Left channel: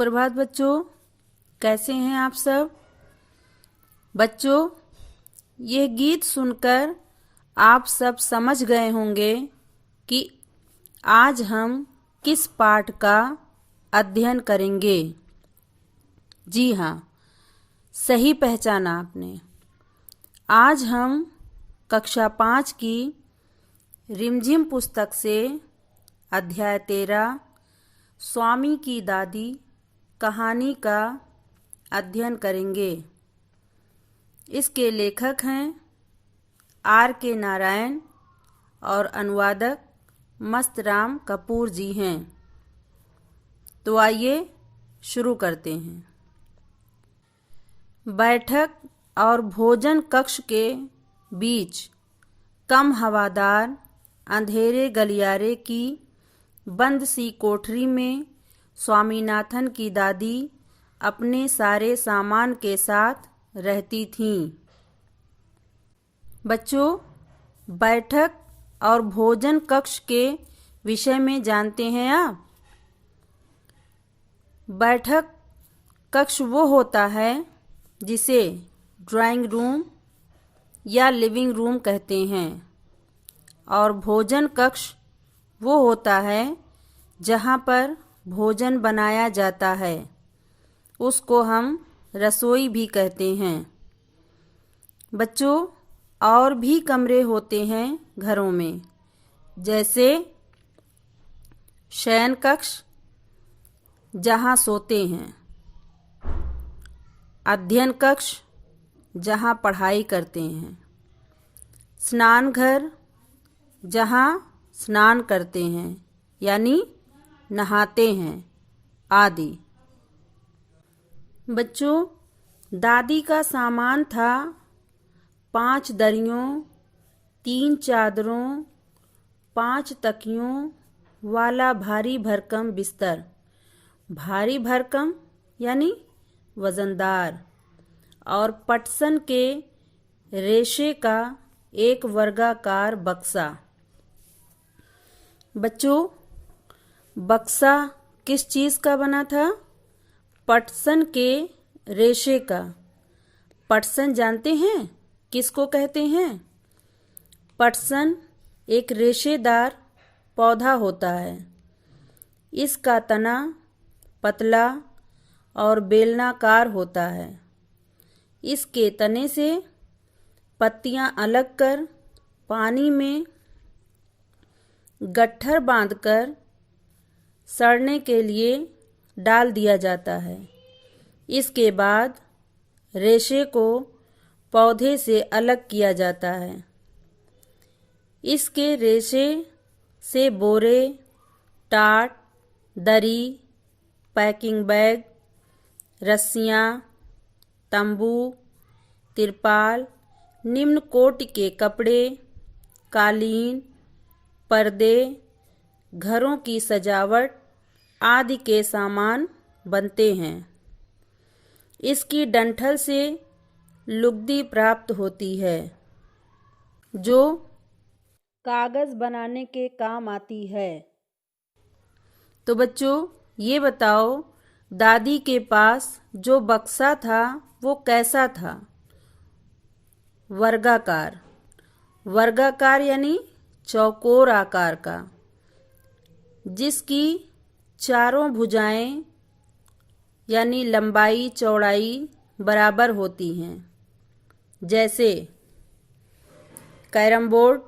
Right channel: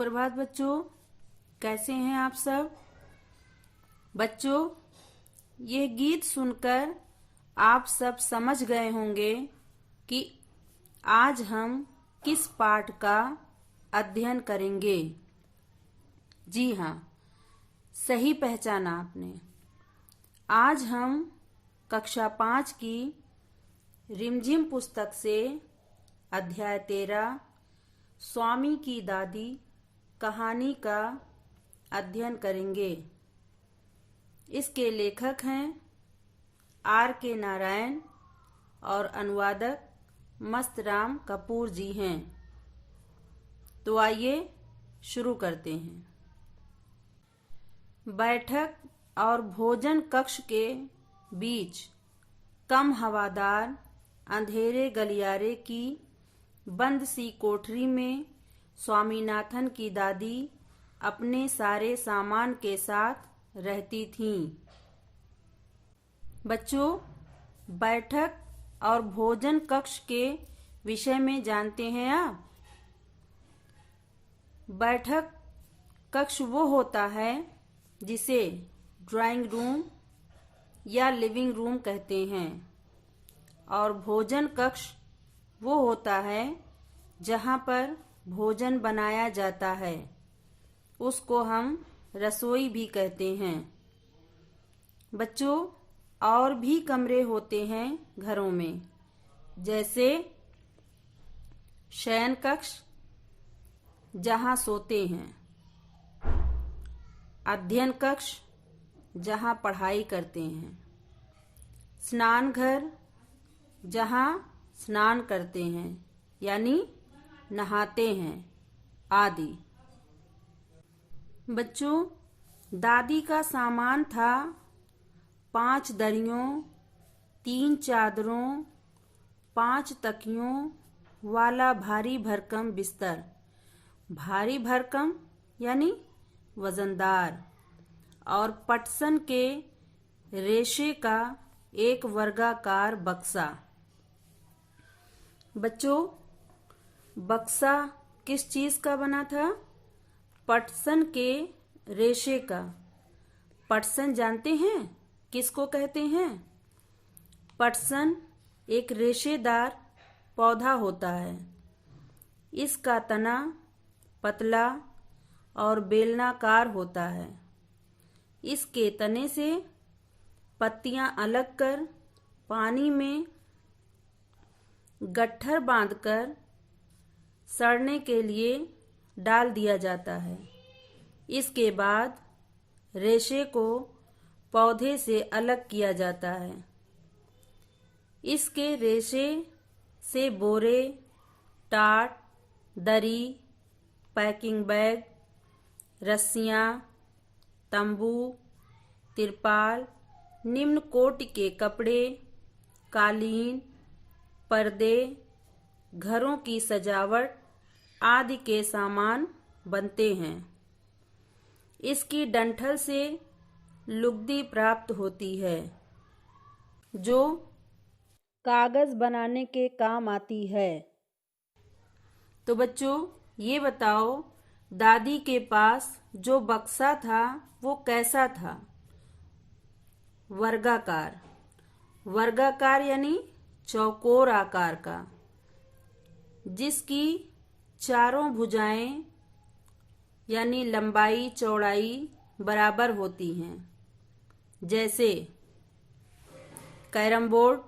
सुप्रभात बच्चों, कैसे हैं आप सब। बच्चों, यह गीत सुनकर आप सब समझ गए होंगे कि आज हम किस पाठ का अध्ययन करेंगे। जी हाँ, सही पहचाना आपने। आज हम कक्षा 5 की रिमझिम पुस्तक से अध्याय 13 स्वामी की दादी कहानी का अध्ययन करेंगे। इसके लेखक हैं R.K. नारायण और अनुवादक मस्तराम कपूर जी हैं। तो आइए शुरू करते हैं। बैठक और भोजन कक्ष के बीच कम हवादार अंधेरे गलियारे की बंद सी कोठरी में स्वामीनाथन की दादी अपने सारे सामान के साथ रहती थीं। बच्चों, बैठक और भोजन कक्ष के विषय में जानते हैं आप। बैठक कक्ष वो होता है जिसे ड्राइंग रूम या लिविंग रूम कहते हैं, और भोजन कक्ष वो होता है जहाँ पर भोजन बनाया जाता है। उसको हम रसोई भी कहते हैं। बच्चों, और भी कमरे होते हैं घरों में, जैसे शयन कक्ष जहाँ सोते हैं, अध्ययन कक्ष जहाँ पढ़ाई करते हैं, स्नान घर जहाँ स्नान करते हैं यानी नहाते हैं आदि। बच्चों, दादी का सामान था 5 दरियों, 3 चादरों, 5 तकियों वाला भारी भरकम बिस्तर। भारी भरकम यानी वजनदार, और पटसन के रेशे का एक वर्गाकार बक्सा। बच्चों, बक्सा किस चीज़ का बना था? पटसन के रेशे का। पटसन जानते हैं किसको कहते हैं? पटसन एक रेशेदार पौधा होता है। इसका तना पतला और बेलनाकार होता है। इसके तने से पत्तियां अलग कर पानी में गट्ठर बांधकर सड़ने के लिए डाल दिया जाता है। इसके बाद रेशे को पौधे से अलग किया जाता है। इसके रेशे से बोरे, टाट, दरी, पैकिंग बैग, रस्सियाँ, तंबू, तिरपाल, निम्न कोटि के कपड़े, कालीन, पर्दे, घरों की सजावट आदि के सामान बनते हैं। इसकी डंठल से लुगदी प्राप्त होती है, जो कागज बनाने के काम आती है। तो बच्चों, ये बताओ, दादी के पास जो बक्सा था वो कैसा था? वर्गाकार। वर्गाकार यानी चौकोर आकार का, जिसकी चारों भुजाएं यानी लंबाई चौड़ाई बराबर होती हैं, जैसे कैरम बोर्ड,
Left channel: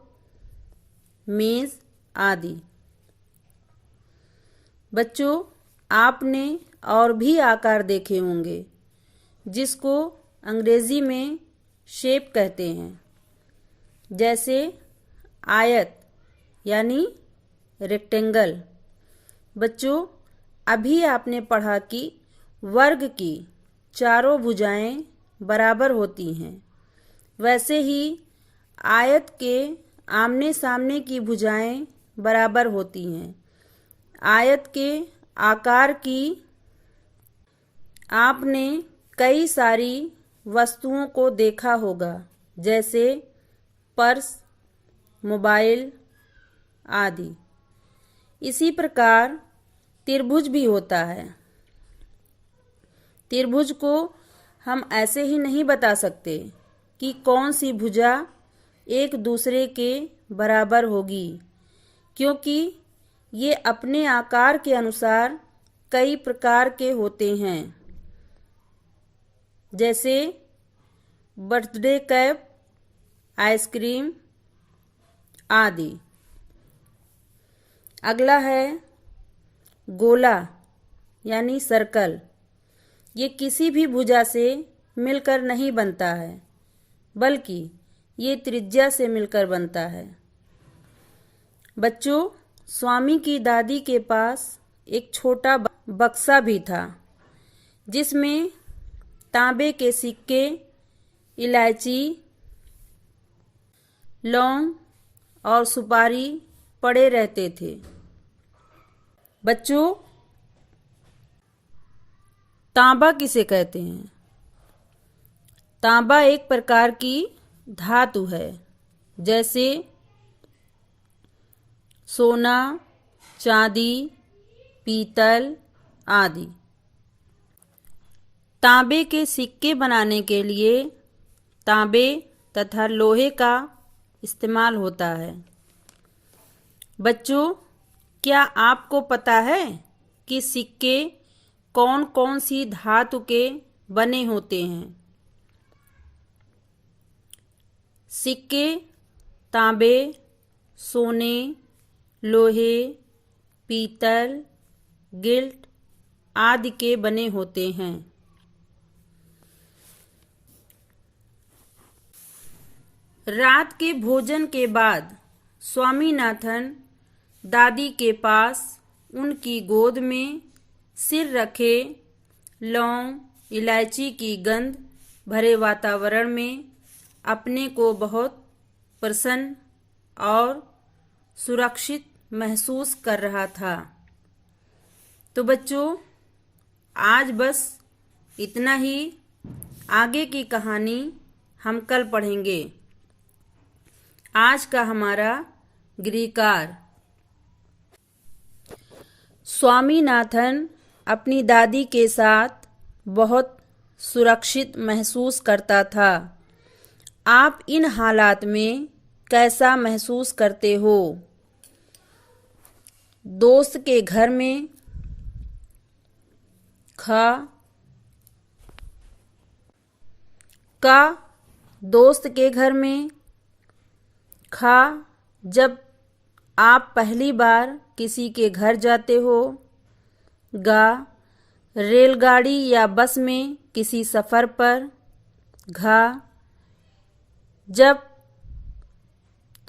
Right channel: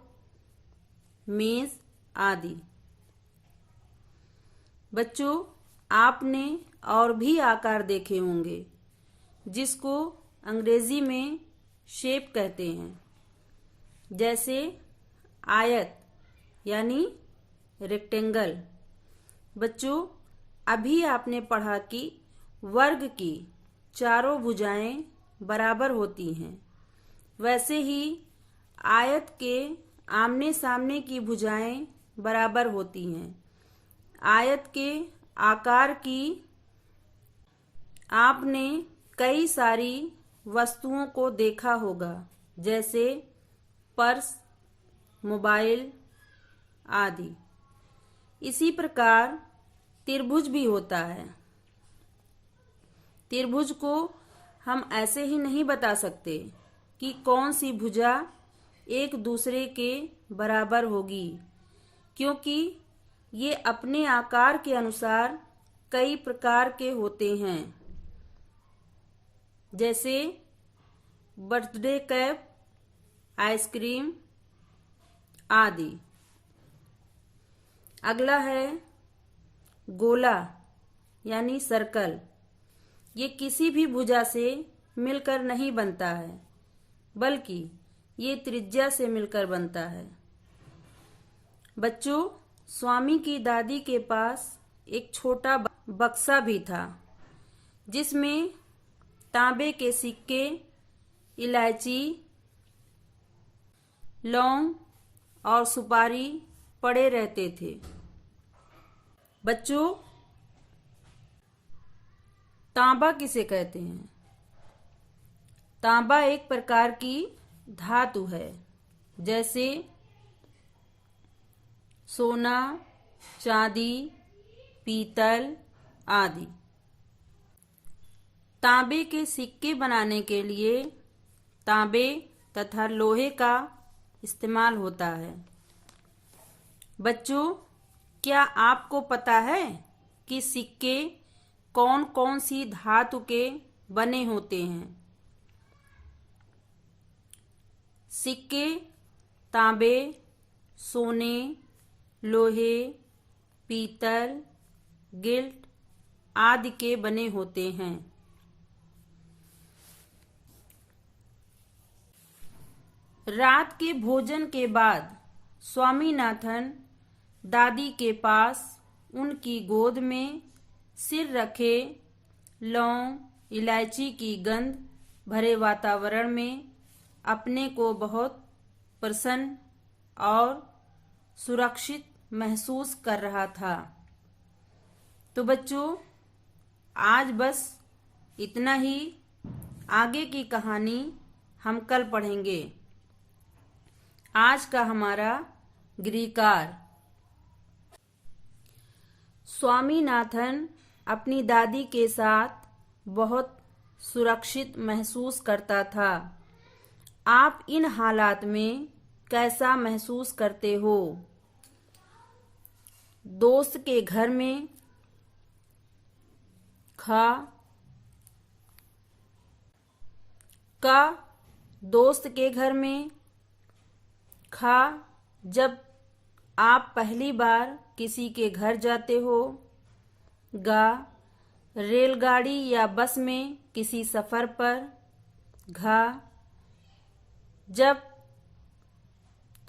मेज आदि। बच्चों, आपने और भी आकार देखे होंगे जिसको अंग्रेजी में शेप कहते हैं, जैसे आयत यानी रेक्टेंगल। बच्चों, अभी आपने पढ़ा कि वर्ग की चारों भुजाएं बराबर होती हैं, वैसे ही आयत के आमने सामने की भुजाएं बराबर होती हैं। आयत के आकार की आपने कई सारी वस्तुओं को देखा होगा, जैसे पर्स, मोबाइल आदि। इसी प्रकार त्रिभुज भी होता है। त्रिभुज को हम ऐसे ही नहीं बता सकते कि कौन सी भुजा एक दूसरे के बराबर होगी, क्योंकि ये अपने आकार के अनुसार कई प्रकार के होते हैं, जैसे बर्थडे कैप, आइसक्रीम आदि। अगला है गोला यानी सर्कल। ये किसी भी भुजा से मिलकर नहीं बनता है, बल्कि ये त्रिज्या से मिलकर बनता है। बच्चों, स्वामी की दादी के पास एक छोटा बक्सा भी था, जिसमें तांबे के सिक्के, इलायची, लौंग और सुपारी पड़े रहते थे। बच्चों, तांबा किसे कहते हैं? तांबा एक प्रकार की धातु है, जैसे सोना, चांदी, पीतल आदि। तांबे के सिक्के बनाने के लिए तांबे तथा लोहे का इस्तेमाल होता है। बच्चों, क्या आपको पता है कि सिक्के कौन कौन सी धातु के बने होते हैं? सिक्के तांबे, सोने, लोहे, पीतल, गिल्ट आदि के बने होते हैं। रात के भोजन के बाद स्वामीनाथन दादी के पास उनकी गोद में सिर रखे लौंग, इलायची की गंध भरे वातावरण में अपने को बहुत प्रसन्न और सुरक्षित महसूस कर रहा था। तो बच्चों, आज बस इतना ही। आगे की कहानी हम कल पढ़ेंगे। आज का हमारा गृहकार। स्वामीनाथन अपनी दादी के साथ बहुत सुरक्षित महसूस करता था। आप इन हालात में कैसा महसूस करते हो? दोस्त के घर में दोस्त के घर में जब आप पहली बार किसी के घर जाते हो। रेलगाड़ी या बस में किसी सफ़र पर। जब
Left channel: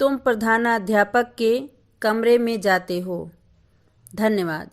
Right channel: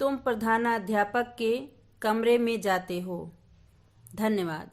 तुम प्रधानाध्यापक के कमरे में जाते हो। धन्यवाद।